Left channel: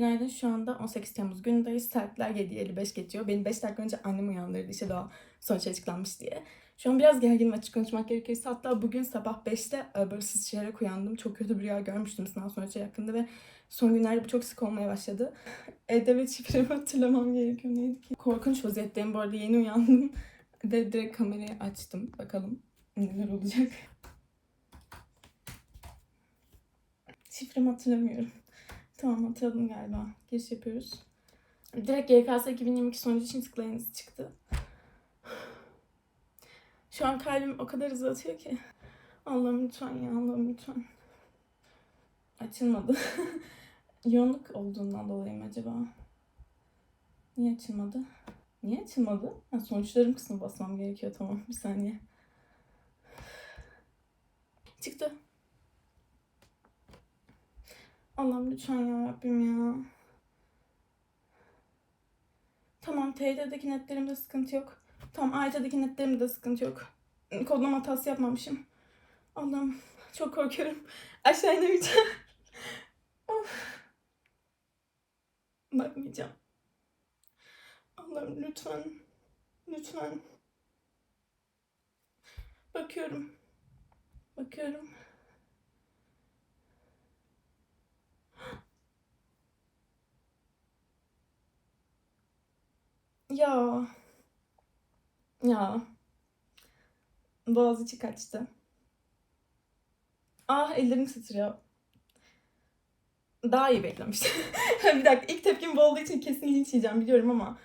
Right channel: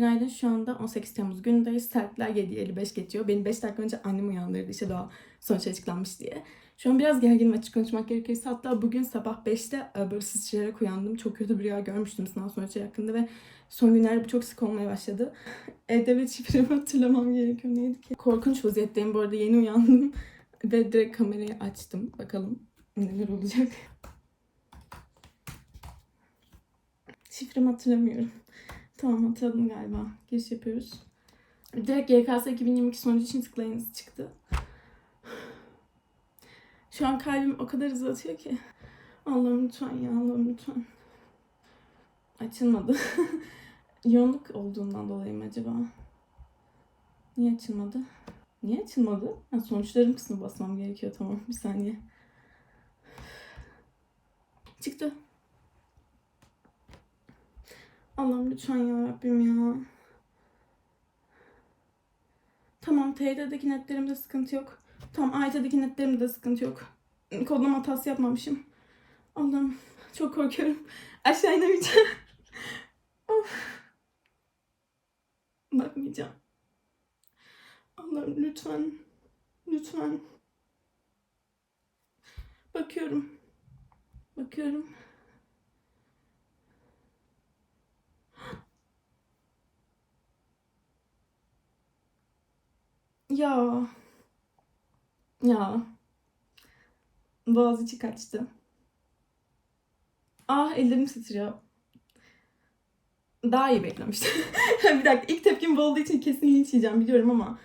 Günaydın şu anda 18 Temmuz günündeyiz. Saatler 7.55 geçiyor. Beni 5 dakika önce annem uyandırdı işte daha sonuç açıklanmış diye. Şu an biraz gerginim açık konuşmak gerekirse. Hatta bugün sabah 5'te e, böyle sıçrayarak uyandım. Çok kötü bir rüya görmüştüm sınav sonuçları hakkında ve son günlerde bu çok sık olmaya başladı. E-Devlet şifremi hatırlamam gerekiyor. Neydi ki? Korkunç vaziyetteyim. Bu arada yeni uyandım. Ve direkt kamerayı açtım. Bakalım neler olacak. Şifremi hatırlamıyorum. Tamam hatırladım galiba. Giriş yapıyoruz. Direkt YKS 2022 sonucu için tıklayınız çıktı. Şu an kalbim o kadar hızlı atıyor ki. Allah'ım lütfen ya Allah'ım lütfen. Açılmadı. Yoğunluk olduğundan dolayı mı acaba? Niye açılmadı? Niye açılmadı? Ha, sonuçlarım kısmı basmam gerekiyor tamam bir saniye. Çıktı. Allah'ım lütfen ya Rabbim ya. Tamam TYT'deki netlerimde sıkıntı yok. Tamam AYT'deki netlerimde sıkıntı yok. Kodlama hatası yapmamışım. Allah'ım çok korkuyorum. Aşağı inemeyeceğim. Bakmayacağım. Allah'ım lütfen. Lütfen. Bakıyorum. Bakıyorum. Ya. Ya. Boğaziçi kaçtı. Ah ellerim titriyor. Daha iyi beklemiştim. bir dakika ilk tepkim bu olduğu için kesin linç yiyeceğim biliyorum ama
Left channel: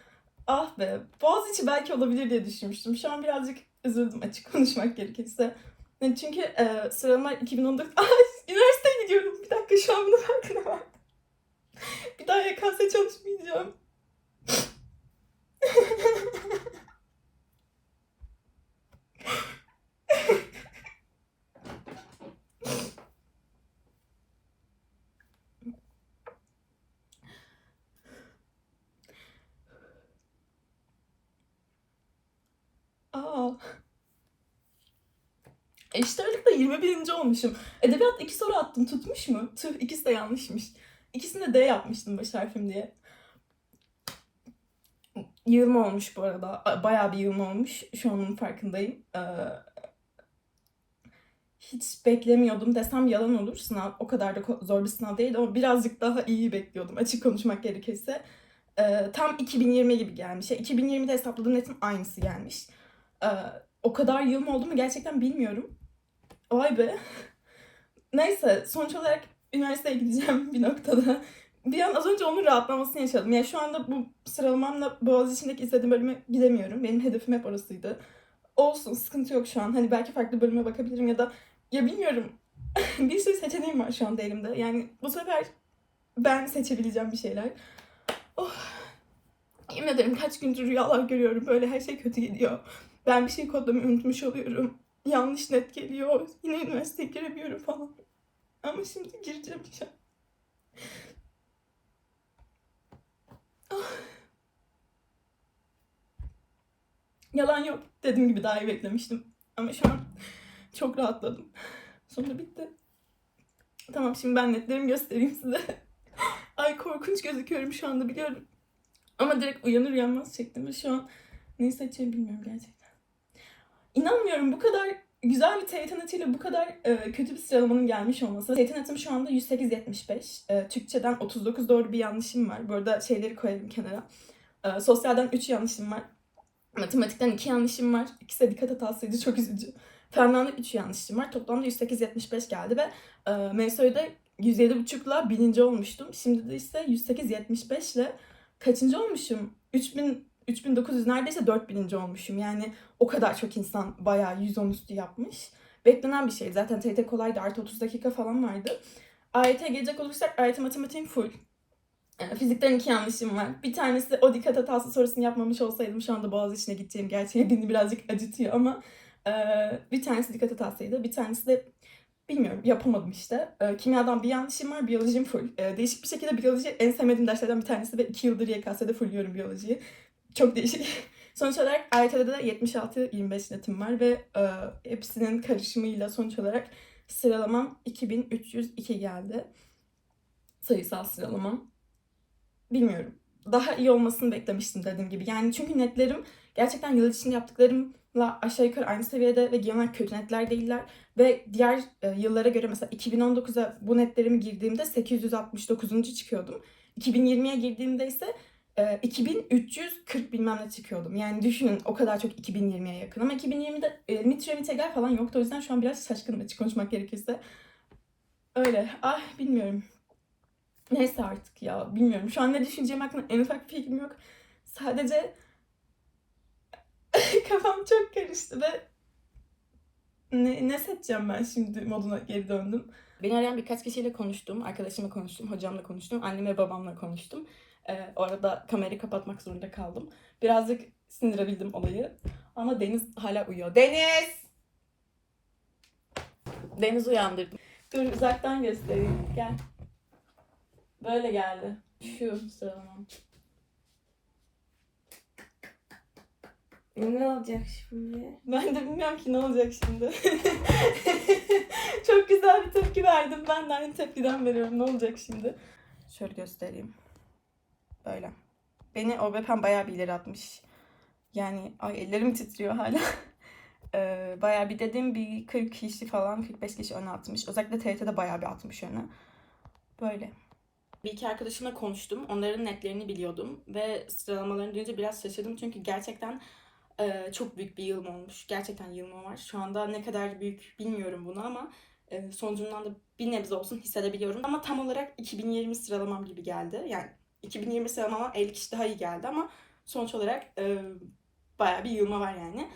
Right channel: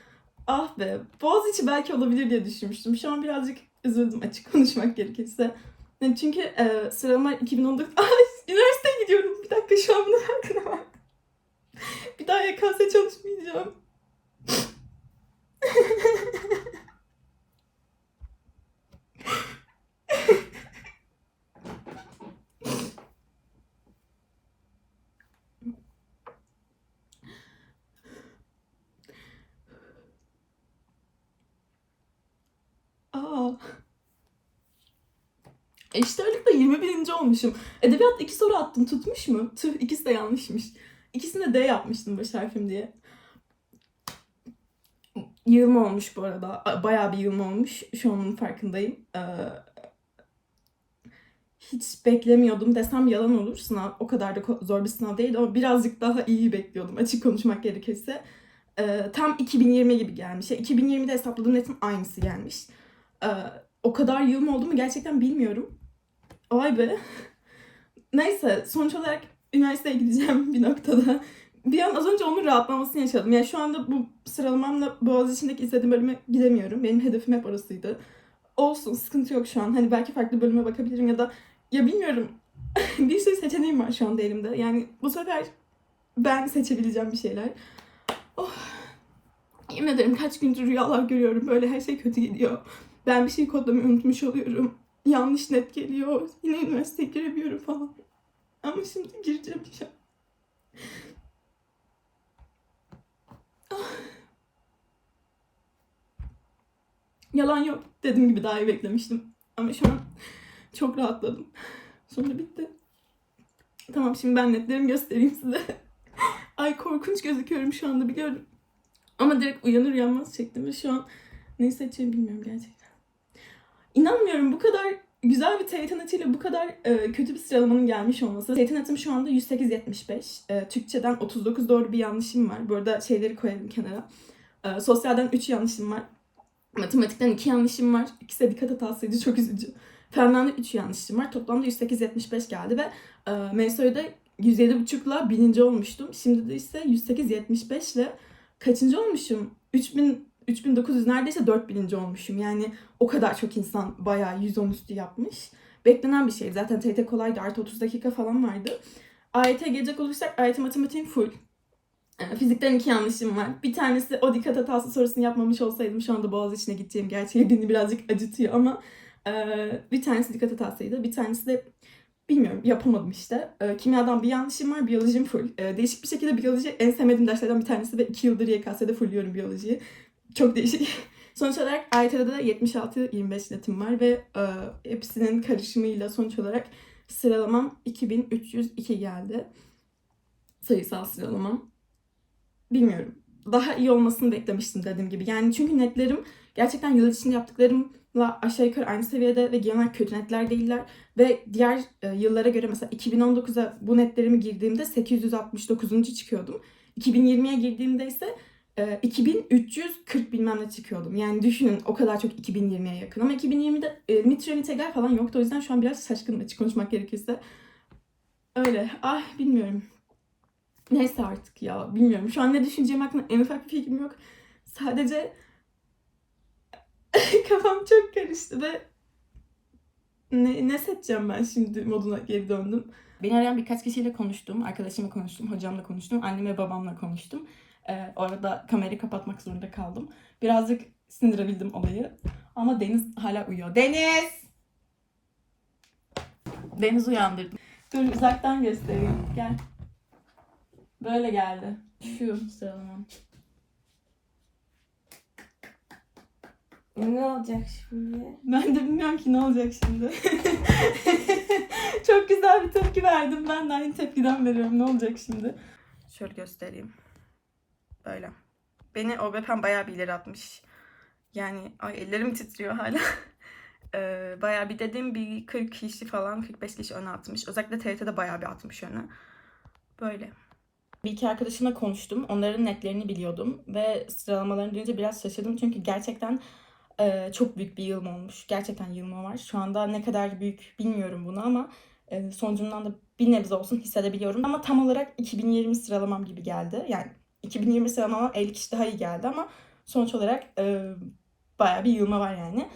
ah be Boğaziçi belki olabilir diye düşünmüştüm. Şu an birazcık üzüldüm açık konuşmak gerekirse. Yani çünkü e, sıralama 2019... Ay, üniversiteye gidiyorum. Bir dakika şu an bunu farkına bir daha YKS çalışmayacağım. Aa. Eşit ağırlıkta 21. olmuşum. Edebiyatta iki soru attım. Tutmuş mu? Tüh ikisi de yanlışmış. İkisini de D yapmıştım baş harfim diye. Yığılma olmuş bu arada. Bayağı bir yığılma olmuş. Şu an onun farkındayım. Ee, hiç beklemiyordum desem yalan olur. Sınav o kadar da zor bir sınav değil ama birazcık daha iyi bekliyordum açık konuşmak gerekirse. Ee, tam 2020 gibi gelmiş. Ya, 2020'de hesapladığım netin aynısı gelmiş. Ee, o kadar yığılma oldu mu gerçekten bilmiyorum. Vay be. Neyse sonuç olarak üniversiteye gideceğim bir noktada. Bir an az önce onun rahatlamasını yaşadım. Yani şu anda bu sıralamamla Boğaziçi'ndeki istediğim bölüme gidemiyorum. Benim hedefim hep orasıydı. Olsun sıkıntı yok şu an. Hani belki farklı bölüme bakabilirim ya da ya bilmiyorum. bir sürü seçeneğim var şu anda elimde. Yani bu sefer ben seçebileceğim bir şeyler. Oh. Yemin ederim kaç gündür rüyalar görüyorum. Böyle her şey kötü gidiyor. Ben bir şey kodlamayı unutmuş oluyorum. Yanlış net geliyor. Yine üniversiteye giremiyorum falan. Ama şimdi gireceğim inşallah. Ah. Yalan yok. Dediğim gibi daha iyi beklemiştim. Ama şu an çok rahatladım. Sonra bitti. Tamam şimdi ben netlerimi göstereyim size. Ay korkunç gözüküyorum şu anda biliyorum. Ama direkt uyanır uyanmaz çektim ve şu an neyi seçeceğimi bilmiyorum gerçekten. İnanmıyorum bu kadar güzel bir TYT netiyle bu kadar e, kötü bir sıralamanın gelmiş olması. TYT netim şu anda 108.75. E, Türkçeden 39 doğru bir yanlışım var. Bu arada şeyleri koyarım kenara. E, sosyalden 3 yanlışım var. Matematikten 2 yanlışım var. İkisi dikkat hatasıydı çok üzücü. Fenden de 3 yanlışım var. Toplamda 108.75 geldi ve e, MSÖ'de 107.5'la bininci olmuştum. Şimdi de ise 108.75 ile kaçıncı olmuşum? 3000 3900 neredeyse 4000. olmuşum. Yani o kadar çok insan bayağı 110 üstü yapmış. Beklenen bir şey. Zaten TYT kolaydı. Artı 30 dakika falan vardı. AYT'ye gelecek olursak AYT matematiğim full. E, Fizikten iki yanlışım var. Bir tanesi o dikkat hatası sorusunu yapmamış olsaydım şu anda Boğaziçi'ne gideceğim gerçeği beni birazcık acıtıyor ama e, bir tanesi dikkat hatasıydı. Bir tanesi de bilmiyorum yapamadım işte. E, kimyadan bir yanlışım var. Biyolojim full. E, değişik bir şekilde biyoloji en sevmediğim derslerden bir tanesi ve iki yıldır YKS'de fullüyorum biyolojiyi. Çok değişik. Sonuç olarak AYT'de de 76-25 netim var ve e, hepsinin karışımıyla sonuç olarak sıralamam 2302 geldi. Sayısal sıralamam. bilmiyorum. Daha iyi olmasını beklemiştim dediğim gibi. Yani çünkü netlerim gerçekten yıl içinde yaptıklarımla aşağı yukarı aynı seviyede ve genel kötü netler değiller. Ve diğer e, yıllara göre mesela 2019'a bu netlerimi girdiğimde 869. çıkıyordum. 2020'ye girdiğimde ise e, 2340 bilmem ne çıkıyordum. Yani düşünün o kadar çok 2020'ye yakın. Ama 2020'de e, mitre mitegel falan yoktu. O yüzden şu an biraz şaşkınım açık konuşmak gerekirse. Öyle. Ay bilmiyorum. Neyse artık ya bilmiyorum. Şu an ne düşüneceğim hakkında en ufak bir fikrim yok. Sadece kafam çok karıştı ve ne, ne seçeceğim ben şimdi moduna geri döndüm. Beni arayan birkaç kişiyle konuştum. Arkadaşımla konuştum, hocamla konuştum, annem ve babamla konuştum. Ee, o arada kamerayı kapatmak zorunda kaldım. Birazcık sindirebildim olayı. Ama Deniz hala uyuyor. Deniz! Deniz uyandırdım. Dur uzaktan göstereyim. Gel. Böyle geldi. Şu sıralamam. Ne olacak şimdi? Ben de bilmiyorum ki ne olacak şimdi. Çok güzel bir tepki verdim. Ben de aynı tepkiden veriyorum. Ne olacak şimdi? Şöyle göstereyim. Böyle. Beni OBP'm bayağı bir ileri atmış. Yani ay ellerim titriyor hala. Ee, bayağı bir dediğim bir 40 kişi falan 45 kişi öne atmış. Özellikle TRT'de bayağı bir atmış öne. Böyle. Bir iki arkadaşımla konuştum. Onların netlerini biliyordum. Ve sıralamalarını duyunca biraz şaşırdım. Çünkü gerçekten e, çok büyük bir yığılma olmuş. Gerçekten yığılma var. Şu anda ne kadar büyük bilmiyorum bunu ama e, sonucundan da bir nebze olsun hissedebiliyorum. Ama tam olarak 2020 sıralamam gibi geldi. Yani 2020 sıralamama 50 kişi daha iyi geldi ama sonuç olarak e, bayağı bir yığılma var yani.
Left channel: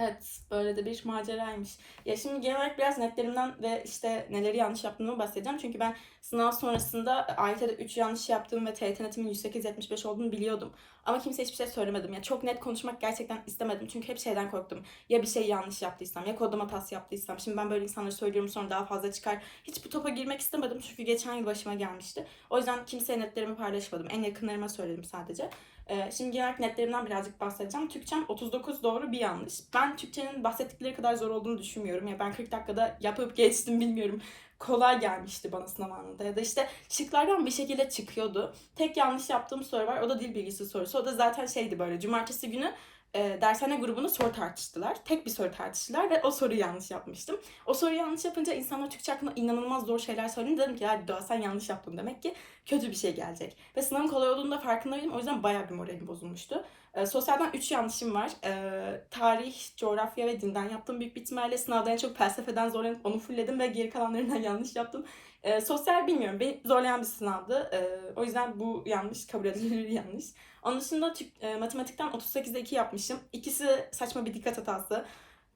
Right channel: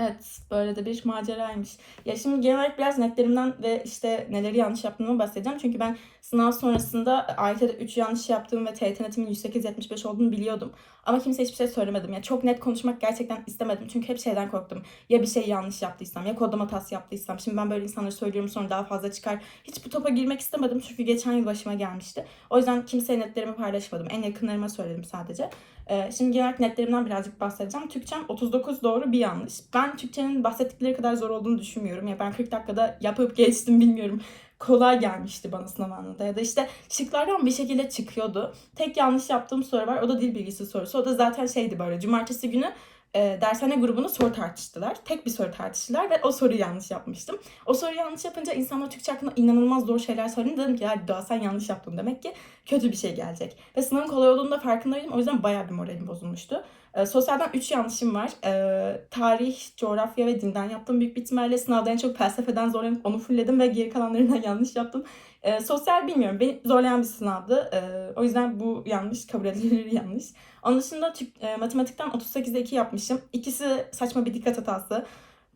Evet, böyle de bir maceraymış. Ya şimdi genel olarak biraz netlerimden ve işte neleri yanlış yaptığımı bahsedeceğim. Çünkü ben sınav sonrasında AYT'de 3 yanlış yaptığım ve TYT netimin 108-75 olduğunu biliyordum. Ama kimseye hiçbir şey söylemedim. Ya çok net konuşmak gerçekten istemedim. Çünkü hep şeyden korktum. Ya bir şey yanlış yaptıysam ya kodlama hatası yaptıysam. Şimdi ben böyle insanları söylüyorum sonra daha fazla çıkar. Hiç bu topa girmek istemedim. Çünkü geçen yıl başıma gelmişti. O yüzden kimseye netlerimi paylaşmadım. En yakınlarıma söyledim sadece. Ee, şimdi genel netlerimden birazcık bahsedeceğim. Türkçem 39 doğru bir yanlış. Ben Türkçenin bahsettikleri kadar zor olduğunu düşünmüyorum. Ya ben 40 dakikada yapıp geçtim bilmiyorum. Kolay gelmişti bana sınav anında. Ya da işte şıklardan bir şekilde çıkıyordu. Tek yanlış yaptığım soru var. O da dil bilgisi sorusu. O da zaten şeydi böyle. Cumartesi günü e, dershane grubunda soru tartıştılar. Tek bir soru tartıştılar ve o soruyu yanlış yapmıştım. O soruyu yanlış yapınca insanlar Türkçe hakkında inanılmaz zor şeyler söyledi. Dedim ki hadi Doğa sen yanlış yaptın demek ki kötü bir şey gelecek. Ve sınavın kolay olduğunu da farkındaydım. O yüzden bayağı bir moralim bozulmuştu. E, sosyalden 3 yanlışım var. E, tarih, coğrafya ve dinden yaptım büyük bir ihtimalle. Sınavda en çok felsefeden zorlanıp onu fullledim ve geri kalanlarından yanlış yaptım. E, sosyal bilmiyorum. Beni zorlayan bir sınavdı. E, o yüzden bu yanlış kabul edilir yanlış. Onun dışında Türk, e, matematikten 38'de 2 yapmışım. İkisi saçma bir dikkat hatası.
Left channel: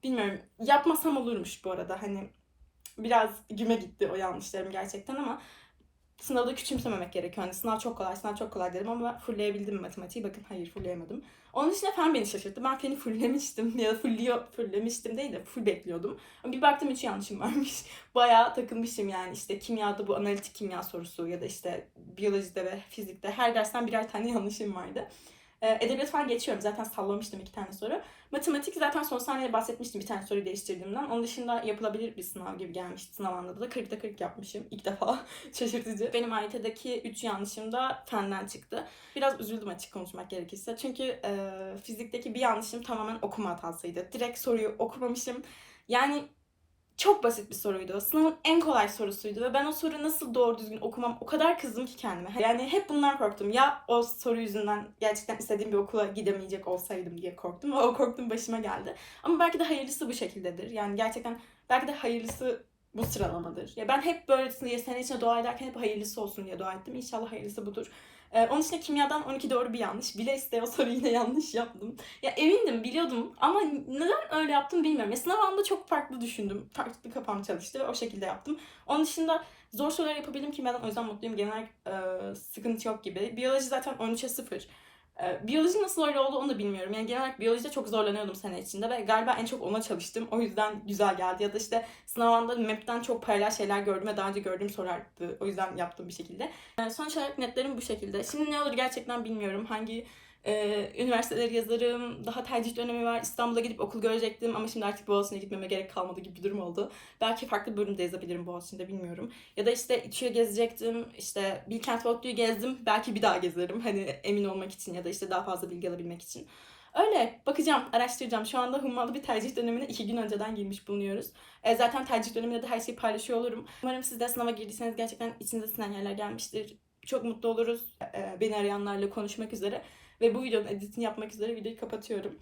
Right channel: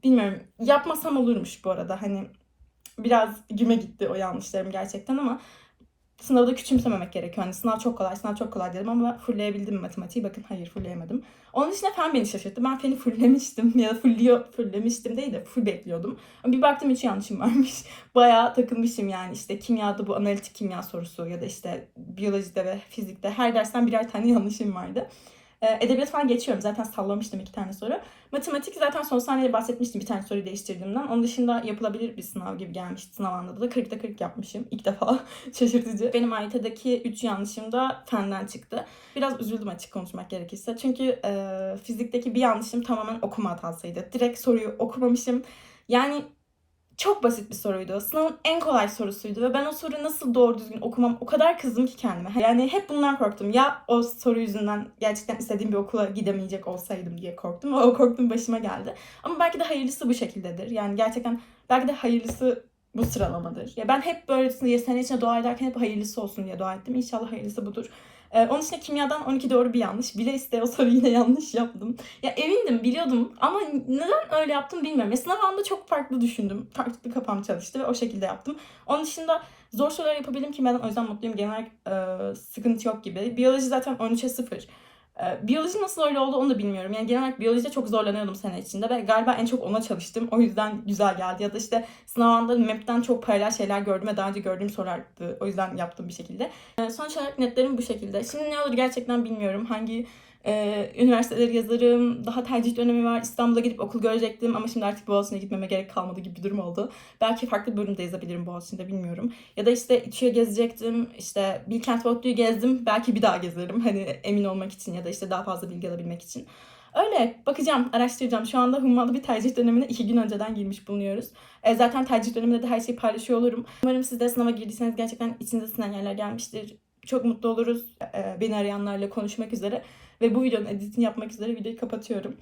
Bilmiyorum. Yapmasam olurmuş bu arada. Hani biraz güme gitti o yanlışlarım gerçekten ama sınavda küçümsememek gerekiyor. Hani sınav çok kolay, sınav çok kolay dedim ama fullleyebildim matematiği? Bakın hayır fullleyemedim. Onun dışında fen beni şaşırttı. Ben feni fulllemiştim ya da fullliyor, fulllemiştim değil de full bekliyordum. Ama bir baktım hiç yanlışım varmış. Bayağı takılmışım yani işte kimyada bu analitik kimya sorusu ya da işte biyolojide ve fizikte her dersten birer tane yanlışım vardı. Ee, Edebiyat falan geçiyorum. Zaten sallamıştım iki tane soru. Matematik zaten son saniyede bahsetmiştim bir tane soruyu değiştirdiğimden. Onun dışında yapılabilir bir sınav gibi gelmişti. Sınav anında da 40'ta 40 yapmışım. ilk defa. Şaşırtıcı. Benim AYT'deki 3 yanlışım da fenden çıktı. Biraz üzüldüm açık konuşmak gerekirse. Çünkü e, fizikteki bir yanlışım tamamen okuma hatasıydı. Direkt soruyu okumamışım. Yani çok basit bir soruydu. Sınavın en kolay sorusuydu ve ben o soruyu nasıl doğru düzgün okumam o kadar kızdım ki kendime. Yani hep bundan korktum. Ya o soru yüzünden gerçekten istediğim bir okula gidemeyecek olsaydım diye korktum o korktuğum başıma geldi. Ama belki de hayırlısı bu şekildedir. Yani gerçekten belki de hayırlısı bu sıralamadır. Ya ben hep böyle diye sene içinde dua ederken hep hayırlısı olsun diye dua ettim. İnşallah hayırlısı budur. Ee, onun için kimyadan 12 doğru bir yanlış. Bile iste o soruyu yine yanlış yaptım. Ya emindim biliyordum ama neden öyle yaptım bilmiyorum. Ya sınav anında çok farklı düşündüm. Farklı kafam çalıştı ve o şekilde yaptım. Onun dışında zor sorular yapabildim kimyadan o yüzden mutluyum. Genel e, sıkıntı yok gibi. Biyoloji zaten 13'e 0. E, biyoloji nasıl öyle oldu onu da bilmiyorum. Yani genel olarak biyolojide çok zorlanıyordum sene içinde ve galiba en çok ona çalıştım. O yüzden güzel geldi. Ya da işte sınav anında map'ten çok paralel şeyler gördüm ve daha önce gördüğüm sorulardı. O yüzden yaptım bir şekilde. E, sonuç olarak netlerim bu şekilde. Şimdi ne olur gerçekten bilmiyorum. Hangi Ee, üniversiteleri yazarım. Daha tercih dönemi var. İstanbul'a gidip okul görecektim ama şimdi artık Boğaziçi'ne gitmeme gerek kalmadı gibi bir durum oldu. Belki farklı bir bölümde yazabilirim Boğaziçi'nde bilmiyorum. Ya da işte İTÜ'ye gezecektim. İşte Bilkent Boğaziçi'yi gezdim. Belki bir daha gezerim. Hani emin olmak için ya da işte daha fazla bilgi alabilmek için. Öyle bakacağım, araştıracağım. Şu anda hummalı bir tercih dönemine iki gün önceden girmiş bulunuyoruz. E, zaten tercih döneminde de her şeyi paylaşıyor olurum. Umarım siz de sınava girdiyseniz gerçekten içinize sinen yerler gelmiştir. Çok mutlu oluruz e, beni arayanlarla konuşmak üzere. Ve bu videonun editini yapmak üzere videoyu kapatıyorum.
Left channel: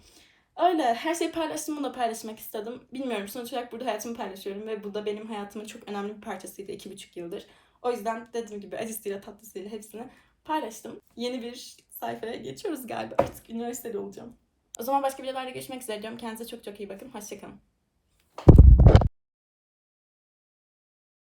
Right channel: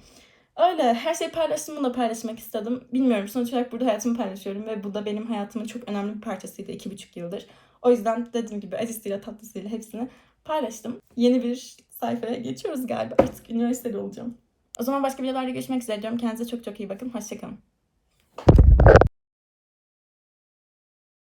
Öyle her şeyi paylaştım bunu da paylaşmak istedim. Bilmiyorum sonuç olarak burada hayatımı paylaşıyorum ve bu da benim hayatımın çok önemli bir parçasıydı iki buçuk yıldır. O yüzden dediğim gibi acısıyla tatlısıyla hepsini paylaştım. Yeni bir sayfaya geçiyoruz galiba. Artık üniversitede olacağım. O zaman başka videolarda görüşmek üzere diyorum. Kendinize çok çok iyi bakın. Hoşçakalın.